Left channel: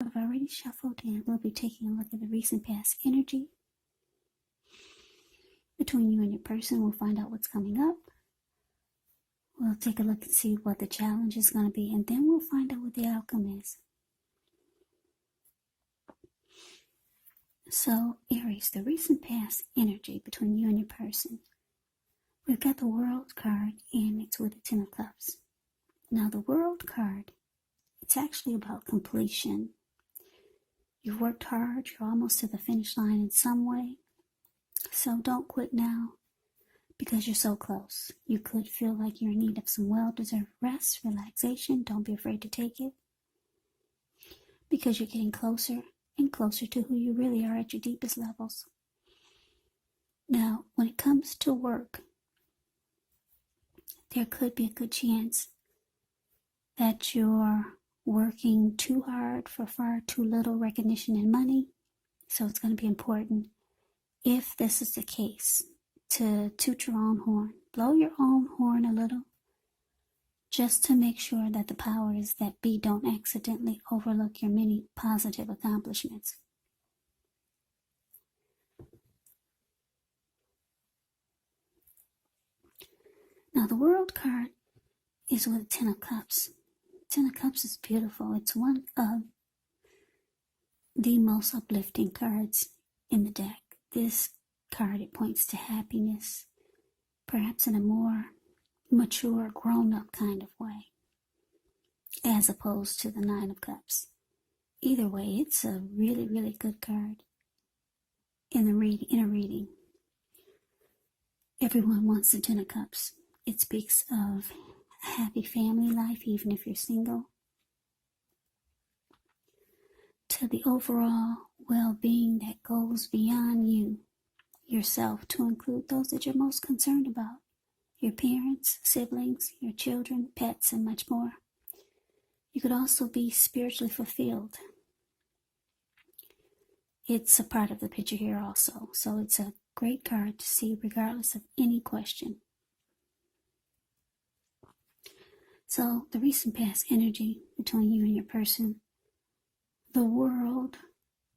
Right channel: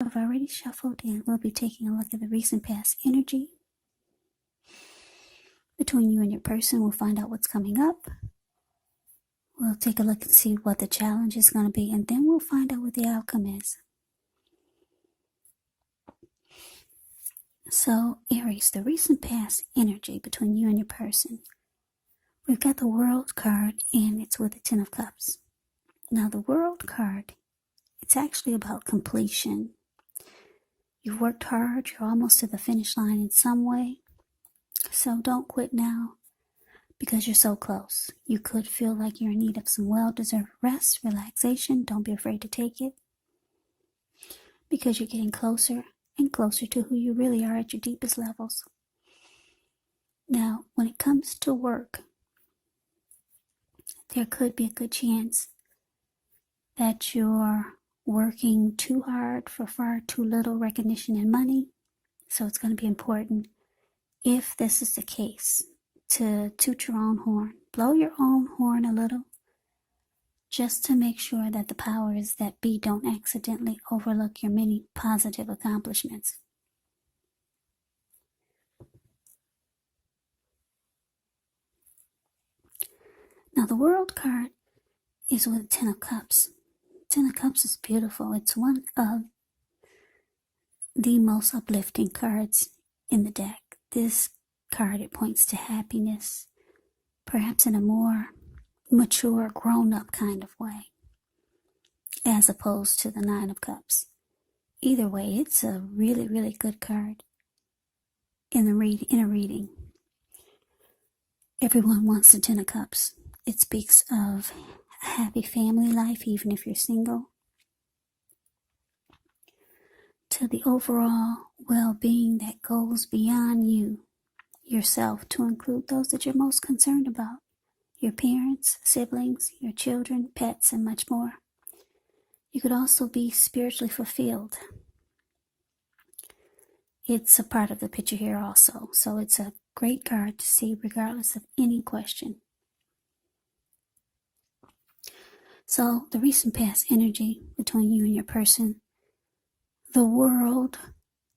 I've already shuffled and we'll be taking a look at the recent past energy between you and your person. We'll find out what's coming up. We'll take a look and see what the challenge is going to be, and then we'll find out what the outcome is. So, Aries, the recent past energy between you and your person. We've got the World card, and it's with the Ten of Cups. Now, the World card, it's actually about completion. You've worked hard, you're almost to the finish line in some way. So don't quit now, because you're so close. You could feel like you're in need of some well-deserved rest, relaxation. Don't be afraid to take it, because you're getting closer and closer to who you really are at your deepest levels. Now, when it comes to work, there could be a good chance that you're working too hard for far too little recognition and money. So it's going to be important, if this is the case, to toot your own horn, blow your own horn a little, just to make sure that the powers that be don't accidentally overlook your many positive accomplishments. Now, the World card is with Ten of Cups. Ten of Cups is beautiful. It's one of the most uplifting cards in the deck. This card, it points to happiness, perhaps in a more mature, grown-up kind of way, as opposed to the Nine of Cups. Either way, it's a really, really good card in a reading. Everyone wants the Ten of Cups. It speaks of a happy family life, even if you're single, to the overall well-being that goes beyond you, yourself, to include those that you're most concerned about. Your parents, siblings, your children, pets, and much more. You could also be spiritually fulfilled. It's a part of the picture here also, so it's a great card to see regardless of any question. So, the recent past energy between you and your person. The World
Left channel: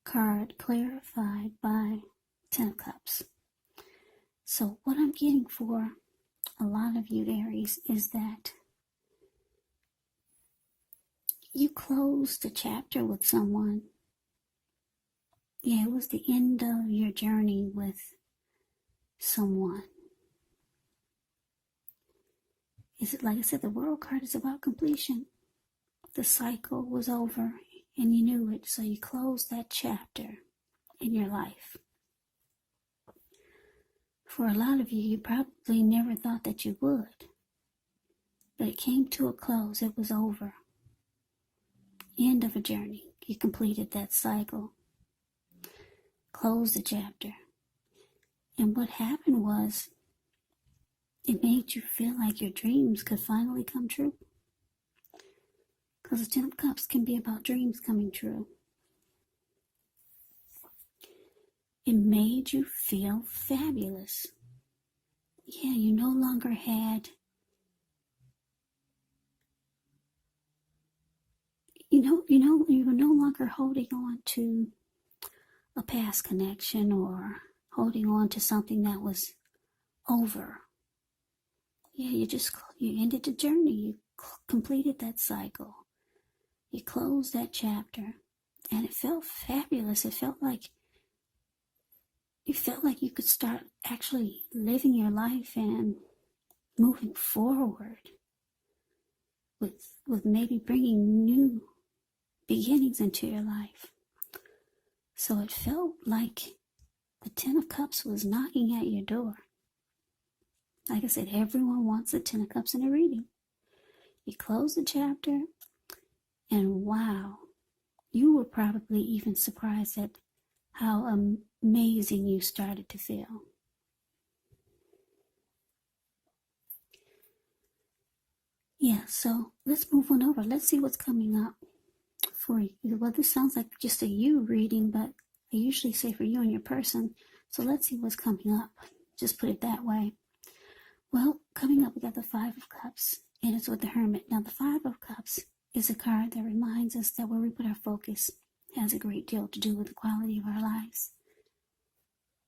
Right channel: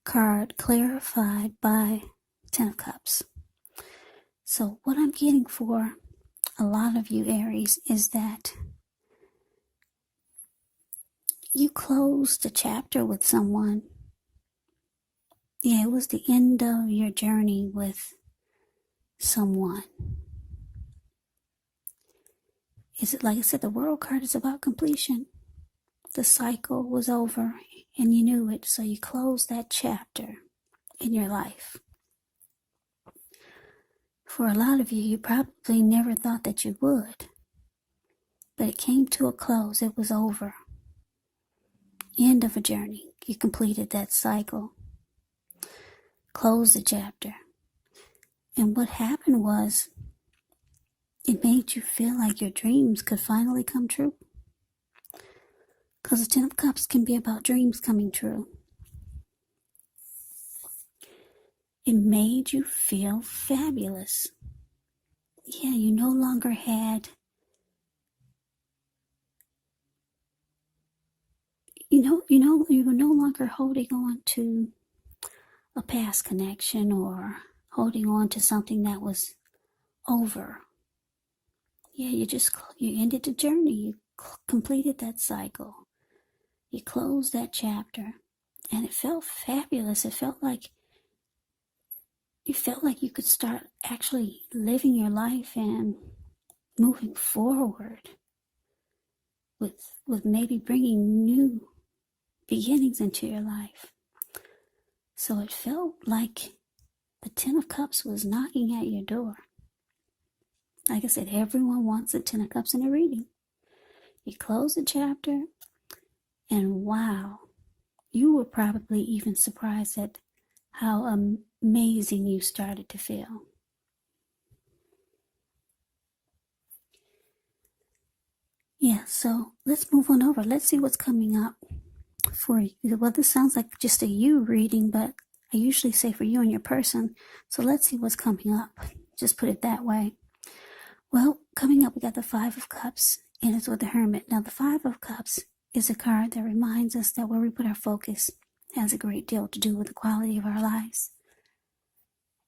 card clarified by Ten of Cups. So, what I'm getting for a lot of you, Aries, is that you closed a chapter with someone. Yeah, it was the end of your journey with someone. Is it, like I said, the World card is about completion. The cycle was over and you knew it, so you closed that chapter in your life. For a lot of you, you probably never thought that you would, but it came to a close. It was over. End of a journey. You completed that cycle. Closed the chapter. And what happened was, it made you feel like your dreams could finally come true. Because the Ten of Cups can be about dreams coming true. It made you feel fabulous. Yeah, you no longer had, you were no longer holding on to a past connection or holding on to something that was over. Yeah, you ended the journey. You completed that cycle. You closed that chapter, and it felt fabulous. It felt like you could start actually living your life and moving forward with maybe bringing new beginnings into your life. So it felt like the Ten of Cups was knocking at your door. Like I said, everyone wants the Ten of Cups in a reading. You close the chapter, and wow, you were probably even surprised at how amazing you started to feel. Yeah, so let's move on over. Let's see what's coming up for you. Well, this sounds like just a you reading, but I usually say for you and your person. So let's see what's coming up. Just put it that way. Well, coming up, we got the Five of Cups, and it's with the Hermit. Now, the Five of Cups is a card that reminds us that where we put our focus, has a great deal to do with the quality of our lives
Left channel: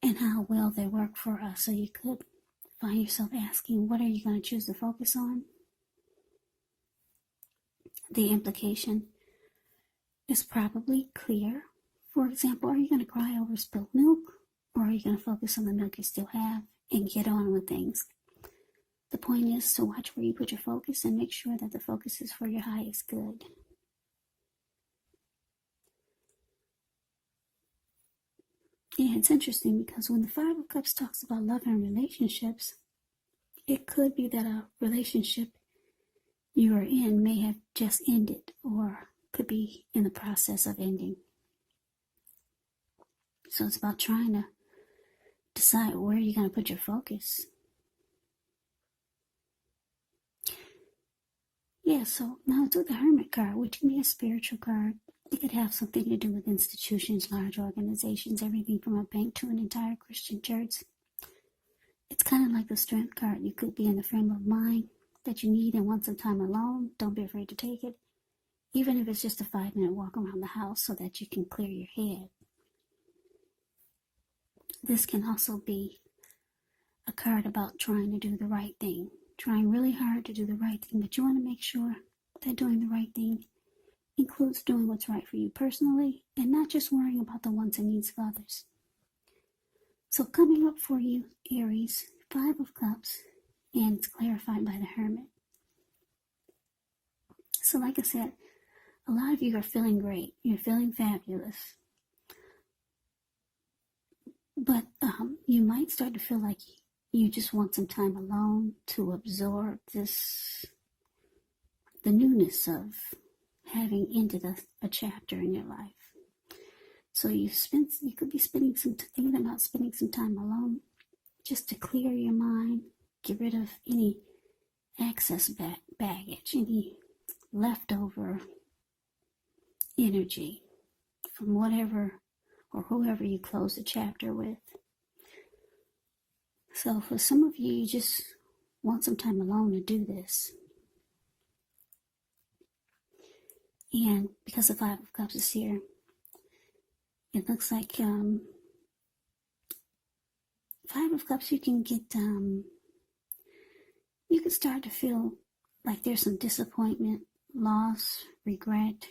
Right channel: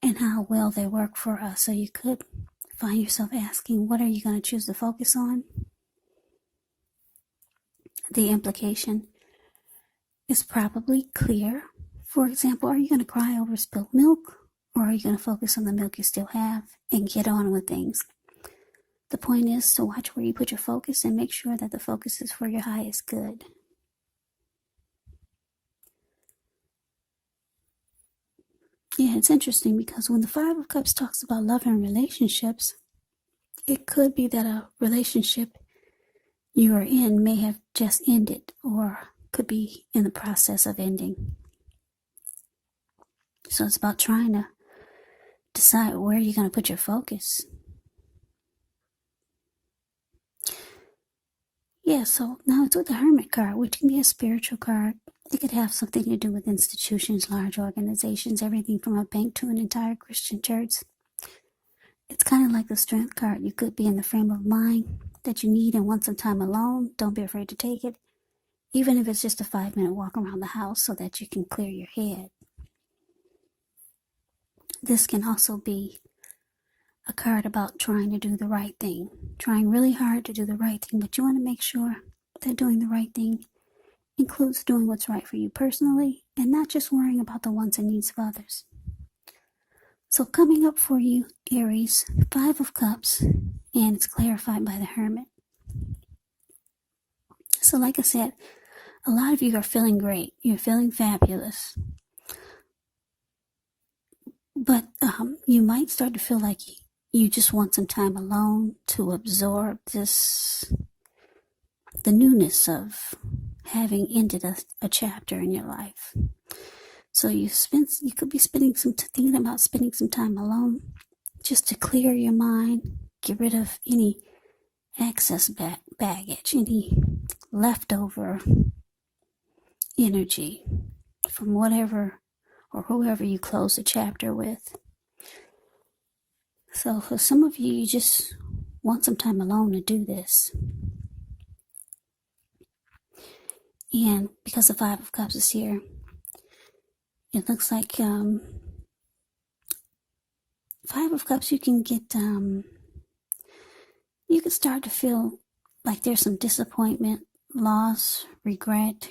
and how well they work for us. So you could find yourself asking, what are you going to choose to focus on? The implication is probably clear. For example, are you going to cry over spilled milk, or are you going to focus on the milk you still have and get on with things? The point is to watch where you put your focus and make sure that the focus is for your highest good. Yeah, it's interesting because when the Five of Cups talks about love and relationships, it could be that a relationship you are in may have just ended or could be in the process of ending. So it's about trying to decide where you're going to put your focus. Yeah, so now it's with the Hermit card, which can be a spiritual card. It could have something to do with institutions, large organizations, everything from a bank to an entire Christian church. It's kind of like the Strength card. You could be in the frame of mind that you need and want some time alone. Don't be afraid to take it, even if it's just a 5-minute walk around the house so that you can clear your head. This can also be a card about trying to do the right thing, trying really hard to do the right thing, but you want to make sure that doing the right thing includes doing what's right for you personally and not just worrying about the wants and needs of others. So coming up for you, Aries, 5 of Cups, and it's clarified by the Hermit. So like I said, a lot of you are feeling great. You're feeling fabulous. But you might start to feel like you just want some time alone to absorb the newness of having ended a chapter in your life. So you could be thinking about spending some time alone just to clear your mind, get rid of any excess baggage, any leftover energy from whatever or whoever you close the chapter with. So for some of you, you just want some time alone to do this. And because the 5 of Cups is here, it looks like 5 of Cups, you can start to feel like there's some disappointment, loss, regret,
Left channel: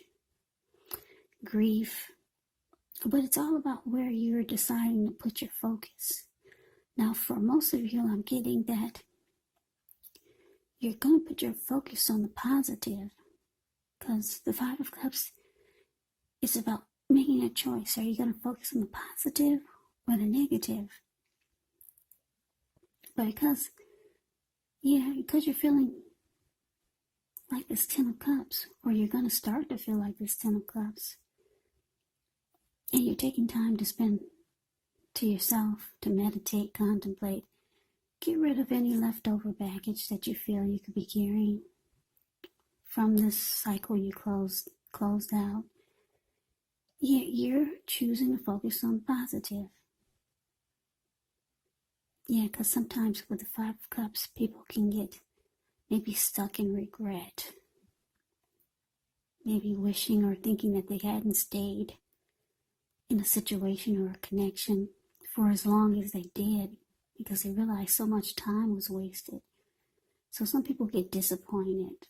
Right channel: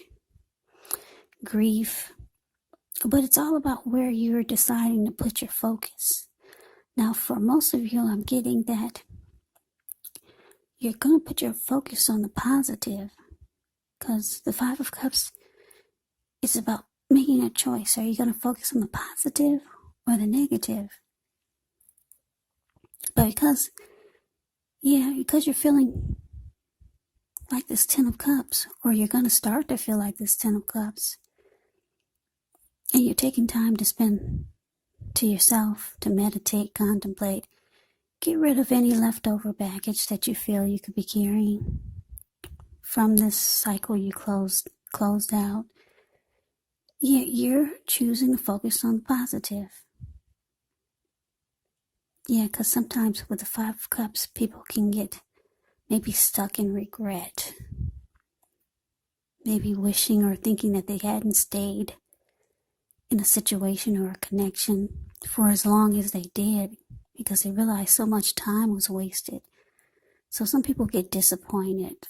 grief. But it's all about where you're deciding to put your focus. Now, for most of you, I'm getting that you're going to put your focus on the positive, because the 5 of Cups is about making a choice. Are you going to focus on the positive or the negative? But because you're feeling like this 10 of Cups, or you're going to start to feel like this 10 of Cups, and you're taking time to spend to yourself, to meditate, contemplate, get rid of any leftover baggage that you feel you could be carrying from this cycle you closed out. You're choosing to focus on the positive. Yeah, because sometimes with the 5 of Cups, people can get maybe stuck in regret. Maybe wishing or thinking that they hadn't stayed in a situation or a connection for as long as they did, because they realized so much time was wasted. So some people get disappointed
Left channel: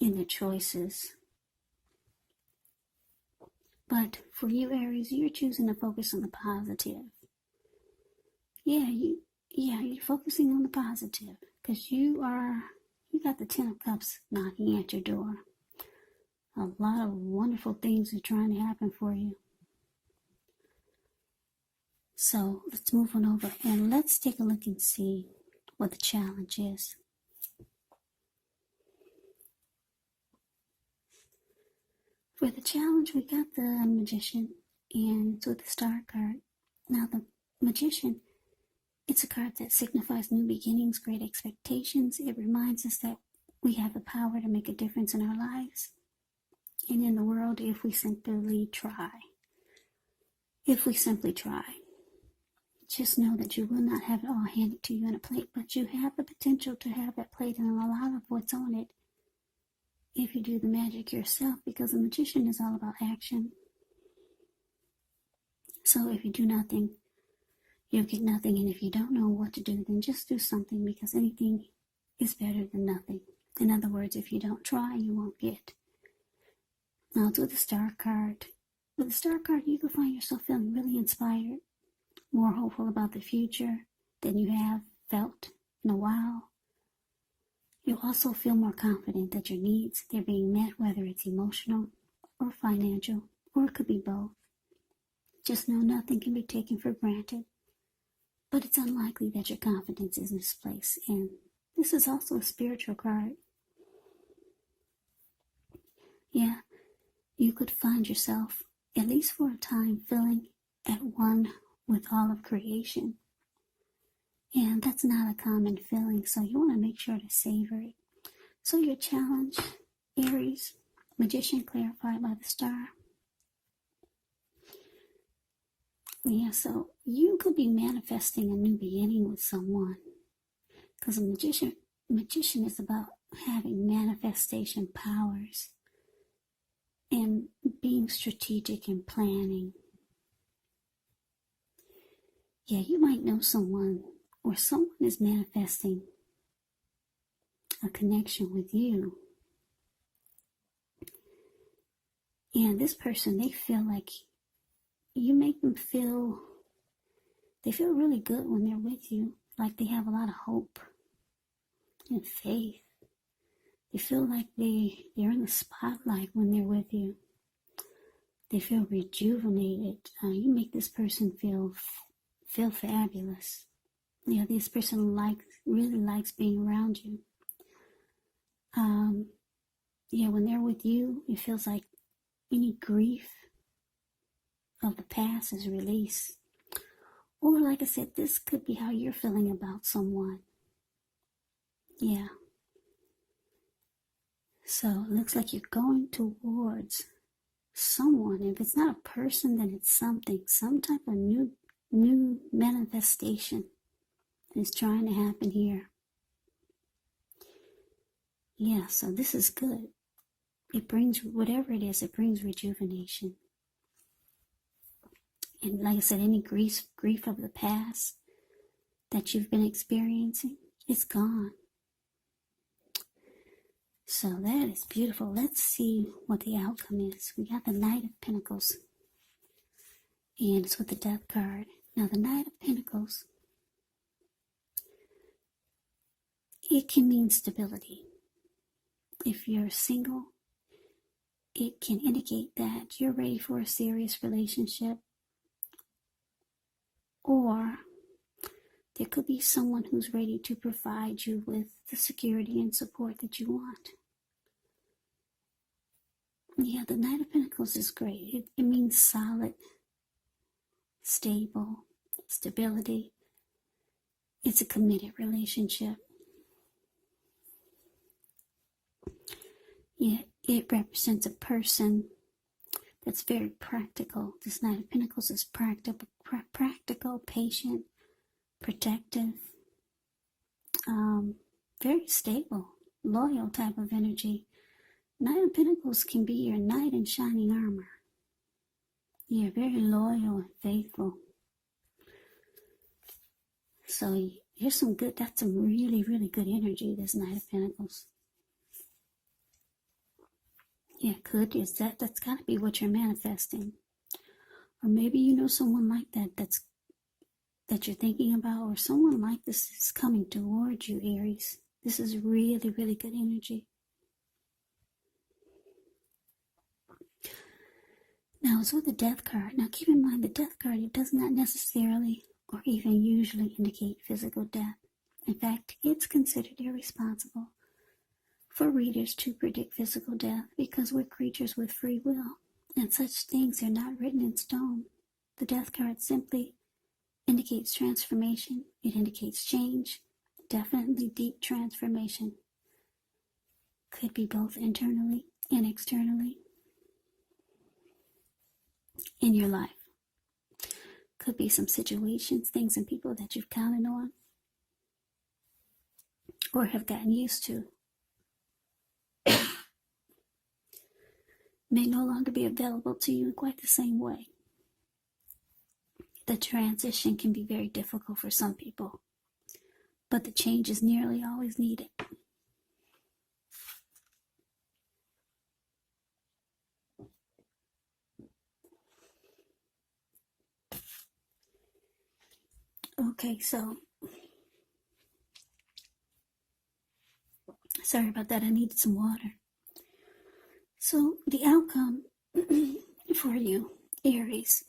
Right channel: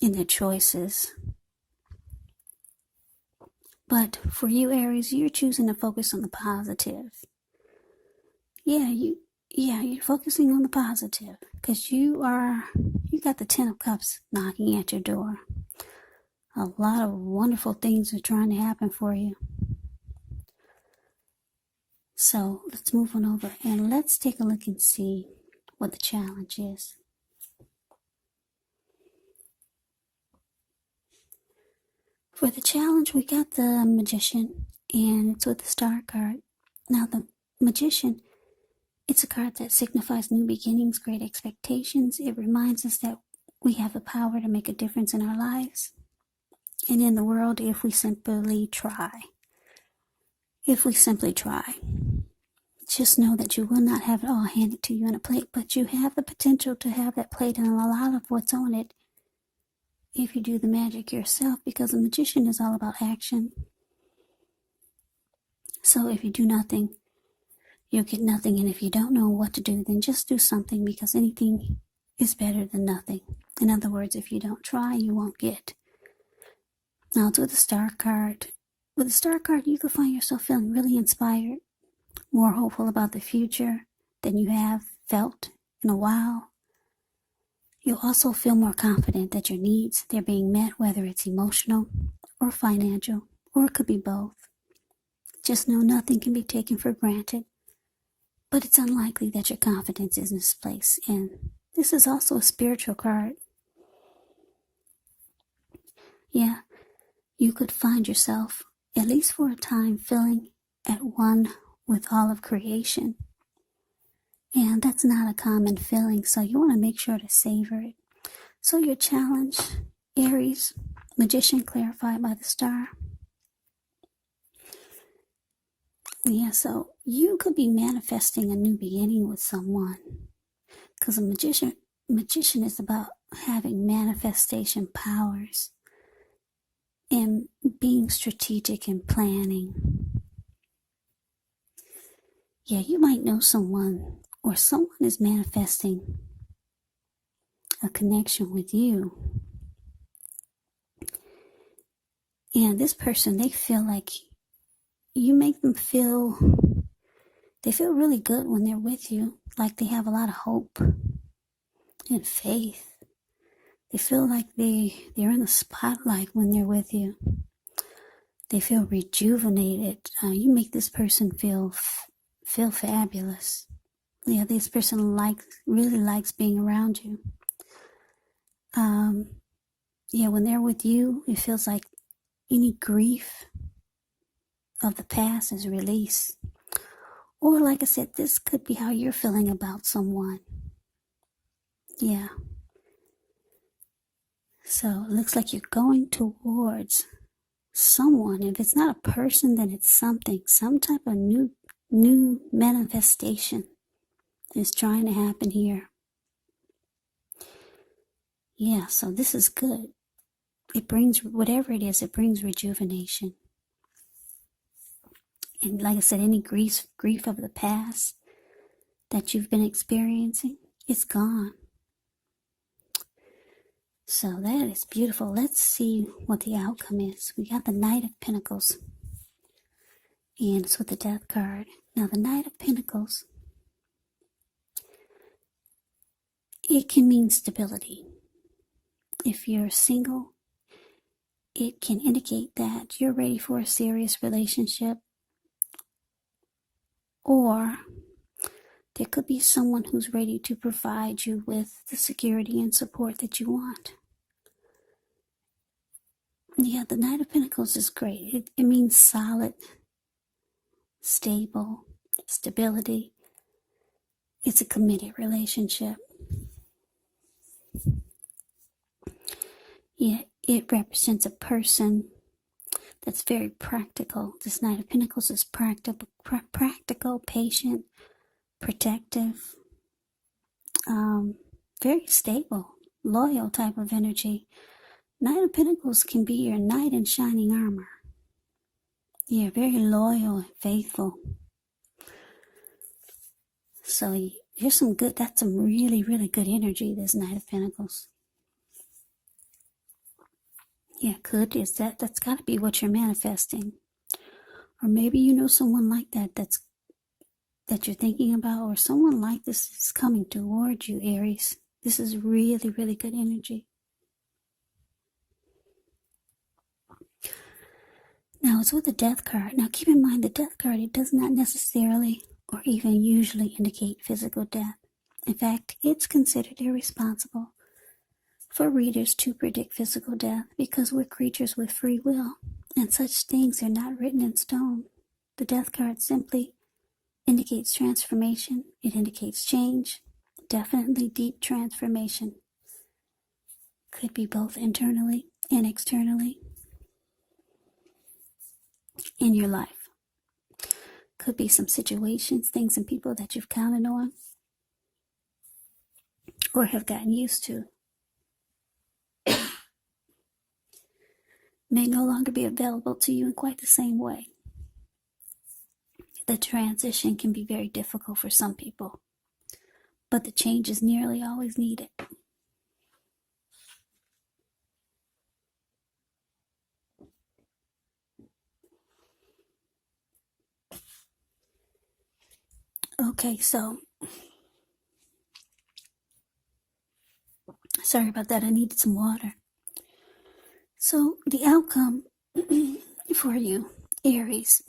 in their choices. But for you, Aries, you're choosing to focus on the positive. You're focusing on the positive because you got the 10 of Cups knocking at your door. A lot of wonderful things are trying to happen for you. So let's move on over and let's take a look and see what the challenge is. For the challenge, we got the Magician, and it's with the Star card. Now, the Magician, it's a card that signifies new beginnings, great expectations. It reminds us that we have the power to make a difference in our lives and in the world if we simply try. If we simply try. Just know that you will not have it all handed to you on a plate, but you have the potential to have that plate, and a lot of what's on it if you do the magic yourself, because a magician is all about action. So if you do nothing, you'll get nothing. And if you don't know what to do, then just do something, because anything is better than nothing. In other words, if you don't try, you won't get. Now it's with the Star card. With the Star card, you could find yourself feeling really inspired, more hopeful about the future than you have felt in a while. You'll also feel more confident that your needs, they're being met, whether it's emotional or financial, or it could be both. Just know nothing can be taken for granted, but it's unlikely that your confidence is misplaced. And this is also a spiritual card. Yeah, you could find yourself, at least for a time, feeling at one with all of creation. And that's not a common feeling, so you want to make sure to savor it. So your challenge, Aries, Magician clarified by the Star. Yeah, so you could be manifesting a new beginning with someone, because a magician is about having manifestation powers and being strategic and planning. Yeah, you might know someone, or someone is manifesting a connection with you. And this person, they feel like you make them feel, they feel really good when they're with you. Like they have a lot of hope and faith. They feel like they're in the spotlight when they're with you. They feel rejuvenated. You make this person feel fabulous. Yeah, this person really likes being around you. Yeah, when they're with you, it feels like any grief of the past is released. Or like I said, this could be how you're feeling about someone. Yeah. So it looks like you're going towards someone. If it's not a person, then it's something. Some type of new manifestation is trying to happen here. Yeah, so this is good. It brings, whatever it is, it brings rejuvenation. And like I said, any grief of the past that you've been experiencing, it's gone. So that is beautiful. Let's see what the outcome is. We got the Knight of Pentacles. And it's with the Death card. Now the Knight of Pentacles, it can mean stability. If you're single, it can indicate that you're ready for a serious relationship. Or there could be someone who's ready to provide you with the security and support that you want. Yeah, the Knight of Pentacles is great. It means solid, stable, stability. It's a committed relationship. Yeah, it represents a person that's very practical. This Knight of Pentacles is practical, patient, protective, very stable, loyal type of energy. Knight of Pentacles can be your knight in shining armor. Yeah, very loyal and faithful. So here's some good, that's some really, really good energy, this Knight of Pentacles. Yeah, that's got to be what you're manifesting. Or maybe you know someone like that you're thinking about, or someone like this is coming towards you, Aries. This is really, really good energy. Now it's with the Death card. Now keep in mind the Death card, it does not necessarily or even usually indicate physical death. In fact, it's considered irresponsible for readers to predict physical death because we're creatures with free will, and such things are not written in stone. The Death card simply indicates transformation. It indicates change, definitely deep transformation. Could be both internally and externally in your life. Could be some situations, things and people that you've counted on or have gotten used to. may no longer be available to you in quite the same way. The transition can be very difficult for some people, but the change is nearly always needed. Okay, so sorry about that. I needed some water. So the outcome for you, Aries,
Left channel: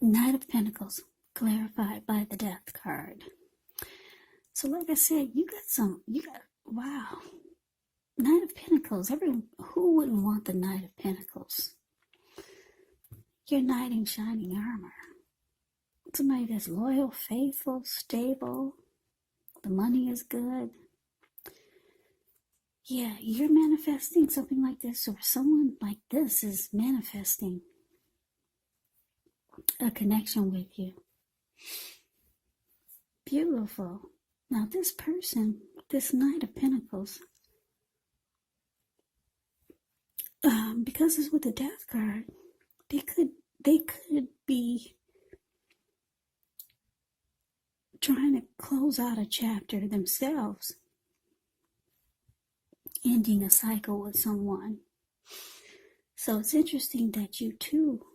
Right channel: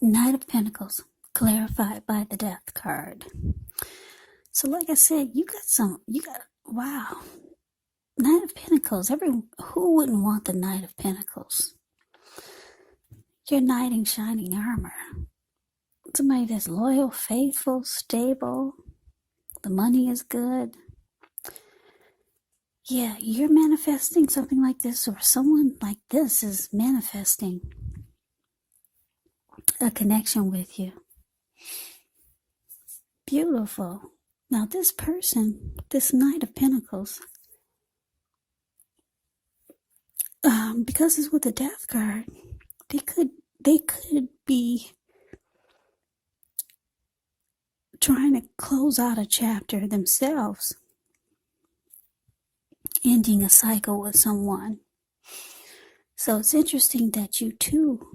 Knight of Pentacles, clarified by the Death card. So like I said, wow, Knight of Pentacles. Who wouldn't want the Knight of Pentacles? You're knight in shining armor. Somebody that's loyal, faithful, stable. The money is good. Yeah, you're manifesting something like this, or someone like this is manifesting a connection with you. Beautiful. Now this person, this Knight of Pentacles, because it's with the Death card, they could be trying to close out a chapter themselves, ending a cycle with someone. So it's interesting that you two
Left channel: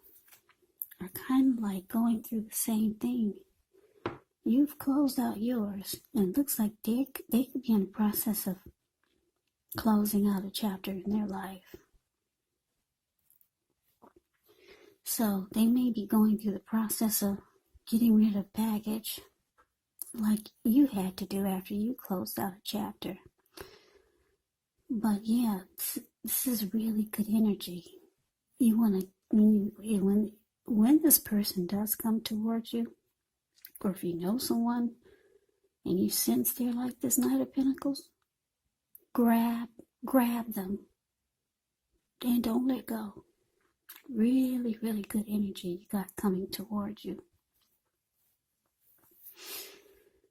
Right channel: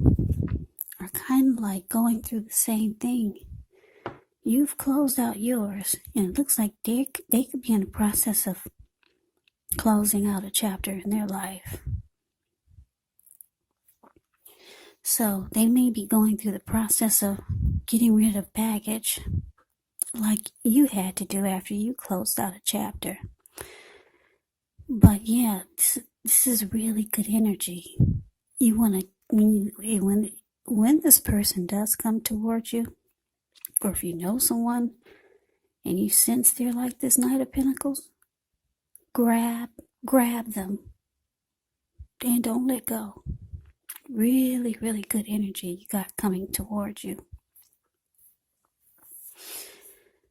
are kind of like going through the same thing. You've closed out yours, and it looks like they could be in the process of closing out a chapter in their life. So they may be going through the process of getting rid of baggage like you had to do after you closed out a chapter. But yeah, this is really good energy. You want to, when this person does come towards you, or if you know someone and you sense they're like this Knight of Pentacles, grab them and don't let go. Really, really good energy you got coming towards you.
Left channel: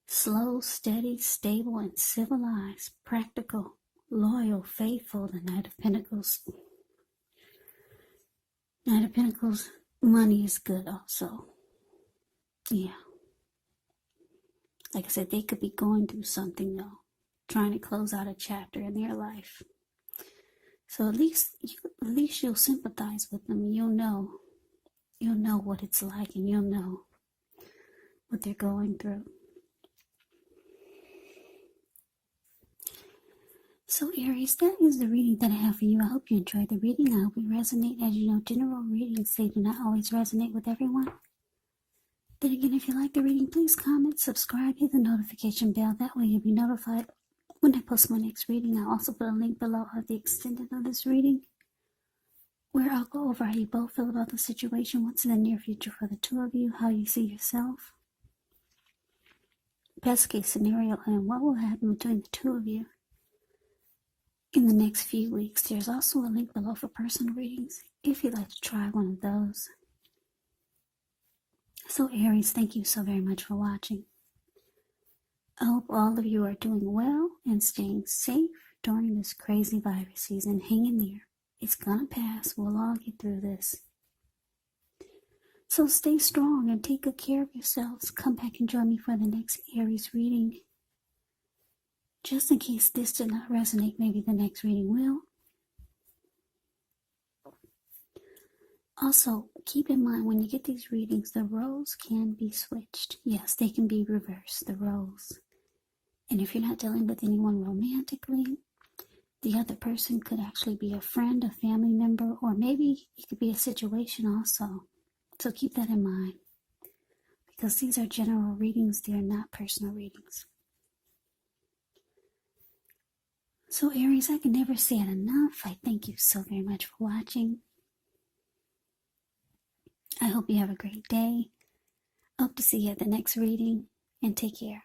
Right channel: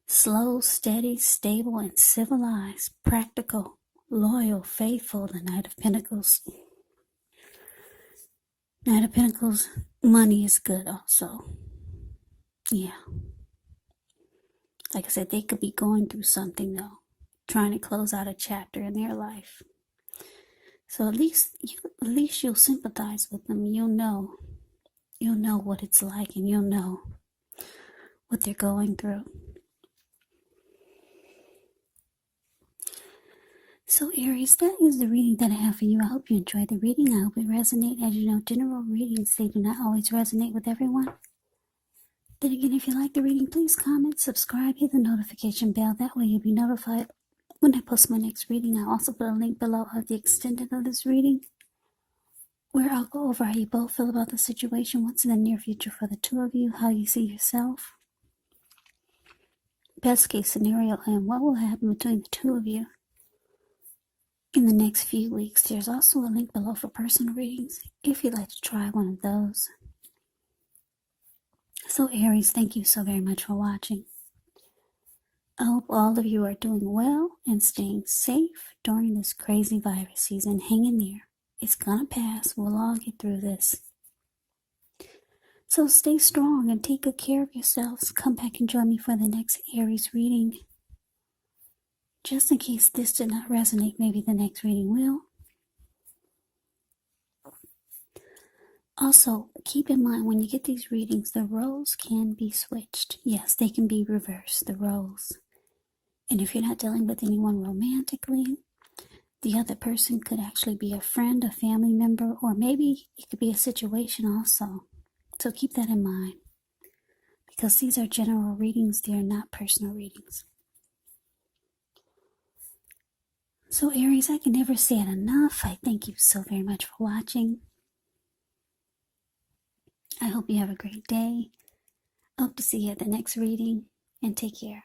Slow, steady, stable, and civilized, practical, loyal, faithful, the Knight of Pentacles. Knight of Pentacles, money is good also. Yeah. Like I said, they could be going through something though, trying to close out a chapter in their life. So at least you'll sympathize with them. You'll know what it's like, and you'll know what they're going through. So Aries, that is the reading that I have for you. I hope you enjoyed the reading. I hope it resonated. As you know, general readings, they do not always resonate with everyone. Then again, if you like the reading, please comment, subscribe, hit the notification bell. That way you'll be notified when I post my next reading. I'll also put a link below of the extended of this reading, where I'll go over how you both feel about the situation, what's in the near future for the two of you, how you see yourself, best case scenario, and what will happen between the two of you in the next few weeks. There's also a link below for personal readings if you'd like to try one of those. So Aries, thank you so very much for watching. I hope all of you are doing well and staying safe during this crazy virus season. Hang in there. It's gonna pass. We'll all get through this. So stay strong and take good care of yourselves. Come back and join me for the next Aries reading. Just in case this did not resonate, maybe the next reading will. Also, keep in mind when you get these readings, the roles can be switched. Yes, they can be reversed, the roles. And if you're not dealing with anyone romantically, the other person could actually be a friend, a family member, or maybe it could be a situation also. So keep that in mind. Because these are general readings, they are not personal readings. So Aries, I can never say it enough. I thank you so very much for watching. I hope you have a great day. I hope to see you at the next reading, and take care.